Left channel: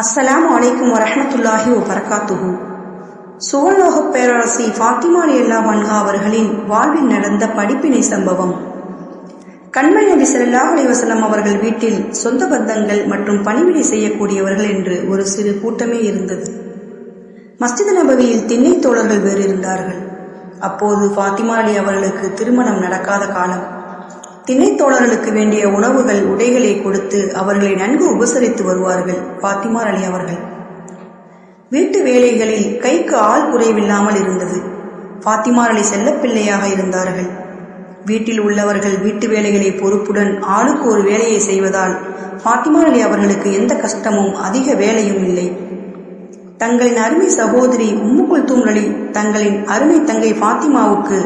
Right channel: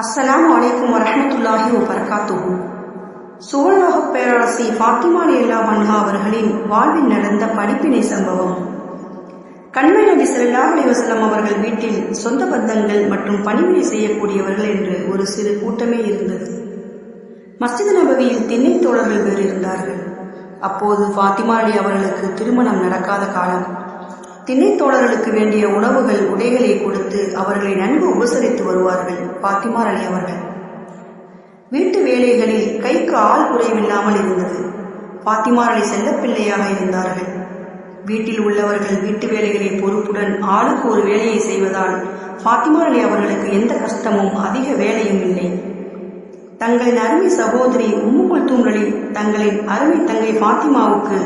அஸ்ஸலாம் அலைக்கும் வரஹ்மத்துல்லாஹி வரகாத்துஹு சுவர்லோகப் பேரரசி ஃபாத்திமா அலியல்லா வன்ஹா அவர்களின் வாழ்வில் நடந்த படிப்பினை சம்பவம். கண்மை நபி சல்லாஹ் அலிவசலம் அவர்கள் வீட்டில் சொந்த பந்தங்கள் மற்றும் பணிவிடை செய்யக்கூடியவர்கள் என்று ஒரு சிறு கூட்டமே இருந்தது. மஸ்ஜித் நபவியில் திண்ணை தோழர்கள் வேறு இருந்தார்கள். அப்போது ஃபாத்திமா அலி அவர்களுக்கு திருமணம் நடக்காத காலம். திணைத்தோழர்களுக்கு வேண்டிய உணவுகள் உடைகளை கொடுத்து அவர்களை நன்கு உபசரித்து வருவார்கள் பாத்திமார் அலி அவர்கள். வீட்டு வேலைகளில் கைக்கு ஆள் குறைவில்லாமல் இருந்தது. பாத்திமா அலி செல்லப்பிள்ளையாக இருந்தார்கள். வீட்டில் உள்ளவர்கள் வீட்டு வேலைகளை பொறுப்புடன் ஆளுக்கு ஒரு வேலையை செய்வதால் ஃபாத்திமா அலி அவர்களுக்கு எந்த கஷ்டமும் அதிக வேலையும் இல்லை. தங்களின் அருமை சகோதரி உம்முக்குள் தூங்கலி தங்களின் அருமை தங்கை பாத்திமாவுக்கு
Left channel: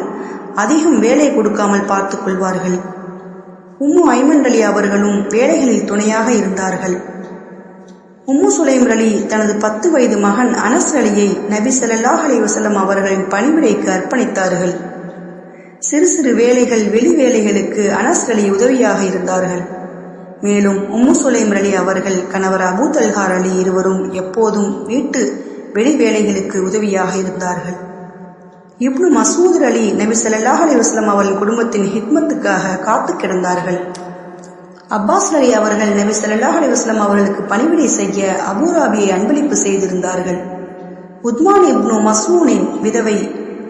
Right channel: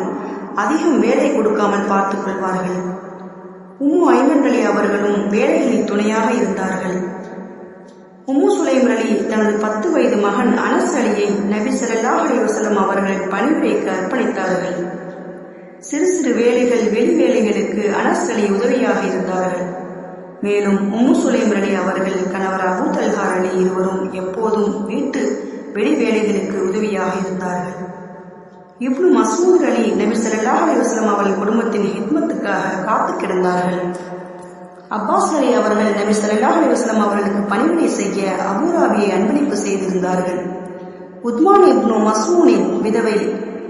அதிகம் வேலை கொடுக்காமல் பார்த்துக் கொள்வார்கள். உம்மு ஐமன் அலி அவர்களும் வேலைகளில் துணையாக இருந்தார்கள். உம்மு சுலைம் அலி தனது பத்து வயது மகன் அனஸ் அலியை நபி சல்லாஹ் அலி வசலம் அவர்களின் பணிவிடைக்கு அர்ப்பணித்தார்கள். சிறு சிறு வேலைகள் வெளி வேலைகளுக்கு அனஸ் அலி உதவியாக இருந்தார்கள். மேலும் உம்மு சுலைம் அலி அவர்கள் கணவர் அபு தல்ஹார் அலி இருவரும் எப்போதும் வீட்டு வெளி வேலைகளுக்கு உதவியாக இருந்தார்கள். இப்னு மசூத் அலி நபி ஸல்லல்லாஹு அலி வஸல்லம் அவர்களின் குடும்பத்தின் ஹிக்மத்துக்காக காத்து கிடந்தார்கள். அப்பாஸ் அலி அவர்கள் நபி ஸல்லல்லாஹு அலி வஸ்லம் அவர்களுக்கு பணிவிடை செய்ய அபூராபியை அன்பளிப்பு செய்திருந்தார்கள். உத்மான் இப்னு மசூனின் விதவை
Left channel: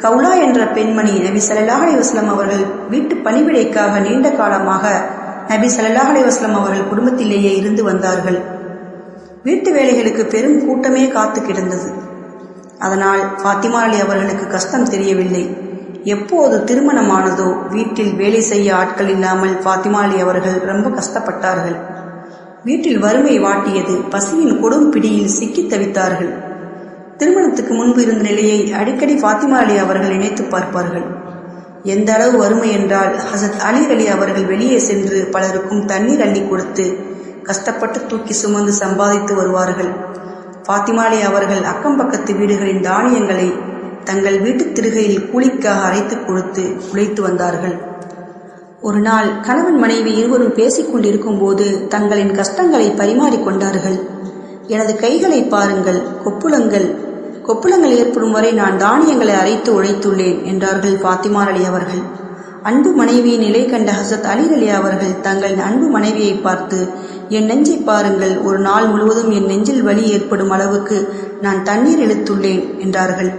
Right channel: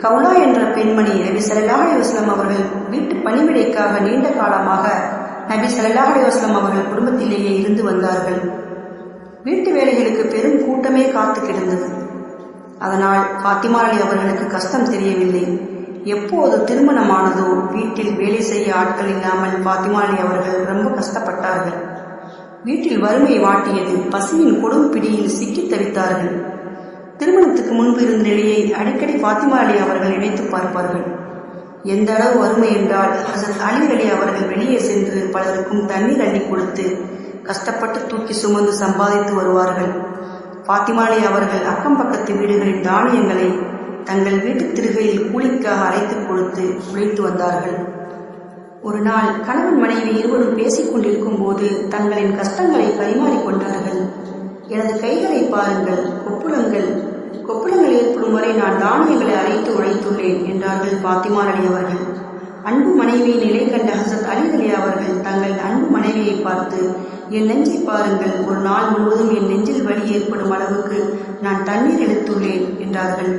கவுலா என்ற பெண்மணி நபி ஸல்லல்லாஹு அலி வஸல்லம் அவர்கள் வீட்டு பணிவிடைக்காக நீண்ட காலமாக நபி ஸல்லல்லாஹு அலி வஸ்லம் அவர்கள் குடும்பத்திலேயே இருந்து வந்தார்கள். வீட்டு வேலைகளுக்கு பெரும் கூட்டமே காத்து கிடந்தது. அதனால் ஃபாத்திமா அலி அவர்களுக்கு கஷ்டம் தெரியவில்லை. எப்போது திருமணமானதோ வீட்டில் வேலை செய்ய ஆட்கள் இல்லாமல் ஃபாத்திமா அலி அவர்கள் ரொம்ப கஷ்டப்பட்டார்கள். வீட்டில் வறுமை வாட்டியது பசியின் கொடும் பிடியில் சிக்கித் தவித்தார்கள். திருமணத்துக்கு முன்பு இருந்த நிலையை அடிக்கடி ஃபாத்திமா அலி அவர்கள் நினைத்து பார்ப்பார்கள். எந்த அளவு வறுமை என்றால் ஹசத் அலி அலி அவர்கள் வெளியே சென்று பலருக்கும் தண்ணீர் அள்ளி கொடுத்து கஷ்டப்பட்டு தூக்கி சுமந்து சம்பாதித்து வருவார்கள். ஃபாத்திமா அவர்கள் அக்கம் பக்கத்து வீடுகளின் தானியங்களை தங்கள் வீட்டு திருகையில் கூலிக்காக அரைத்து கொடுத்து உழைத்து வந்தார்கள். ஒரு நாள் கணவன் மனைவி இருவரும் பேசிக்கொண்டிருக்கும் போது தங்களின் கஷ்டங்களை பரிமாறிக்கொண்டார்கள் எனது கைகளை பாருங்கள் கொப்புளங்கள் கொப்புளங்கள் ஏற்படும் வரை நான் தானியங்களை அரைத்து உழைத்துள்ளேன் என்றார்கள் ஃபாத்திமா அலி அவர்கள். அன்பு மனைவியின் நிலை கண்ட ஹசத் அலி அலி அவர்கள் தங்களின் அன்பு மனைவியை பார்த்து என் நெஞ்சை பாருங்கள் ஒரு நாள் முழுவதும் என் நெஞ்சில் வலி ஏற்படும் அளவுக்கு நான் தண்ணீர் இழுத்துள்ளேன் என்றார்கள்.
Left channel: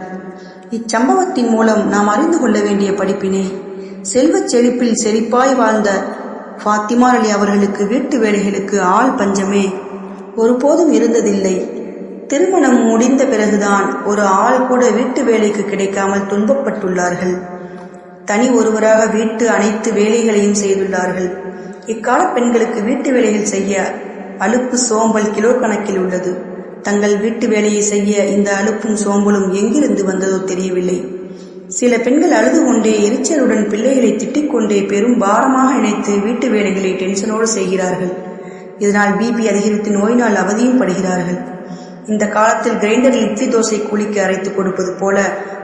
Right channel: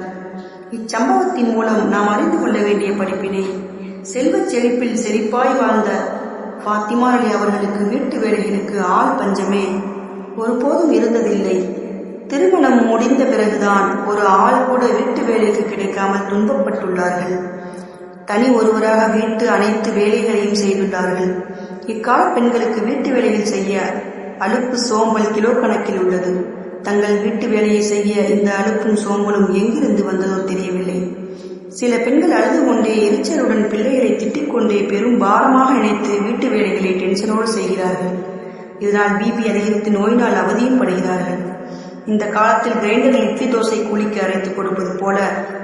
இச்சம்பவத்தின் மூலம் நாம் அறிந்து கொள்ள வேண்டிய படிப்பினை செல்வச் செழிப்பில் செழிப்பாய் வாழ்ந்த ஃபாத்திமா அலி அவர்களுக்கு வீட்டு வேலைகளுக்கு ஆள் பஞ்சமே. ஒருபோதும் இருந்ததில்லை. திருமணம் முடிந்த பிறகுதான் ஒரு ஆள் கூட வீட்டு வேலைக்கு கிடைக்காமல் துன்பப்பட்டுள்ளார்கள். தனி ஒருவராக வீட்டு அனைத்து வேலைகளையும் செய்துள்ளார்கள். இக்கால பெண்களுக்கு வீட்டு வேலைகள் செய்ய அலுப்பு சோம்பல் கிலோ கணக்கில் உள்ளது. தங்கள் வீட்டு வேலையை செய்ய இந்த அலுப்பும் சோம்பலும் எங்கிருந்து வந்ததோ தெரியவில்லை. சில பெண்கள் அழுது கொண்டே எரிச்சலுடன் பிள்ளைகளை திட்டிக்கொண்டே பெரும் பாரமாக நினைத்து வீட்டு வேலைகளை டென்ஷனோடு செய்கிறார்கள். இதனால் பிபி அதிகரித்து நோயினால் அவதியும் படுகிறார்கள். இந்த காலத்தில் கிரைண்டரில் இட்லி தோசை கூலிக்கு அரைத்து கொடுப்பது போல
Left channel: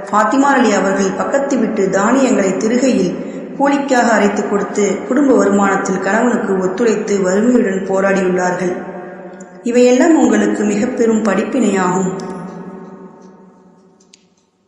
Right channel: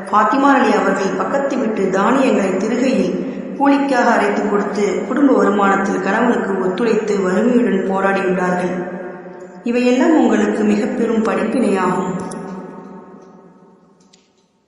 ஃபாத்திமா அலி அவர்கள் பக்கத்து விட்டு தானியங்களை திருகையில் கூலிக்காக அரைத்து கொடுத்து குடும்ப வருமானத்தில் கணவனுக்கு ஒத்துழைத்து வறுமையுடன் போராடியுள்ளார்கள். இவையெல்லாம் உங்களுக்கு மிக பெரும் படிப்பினையாகும்.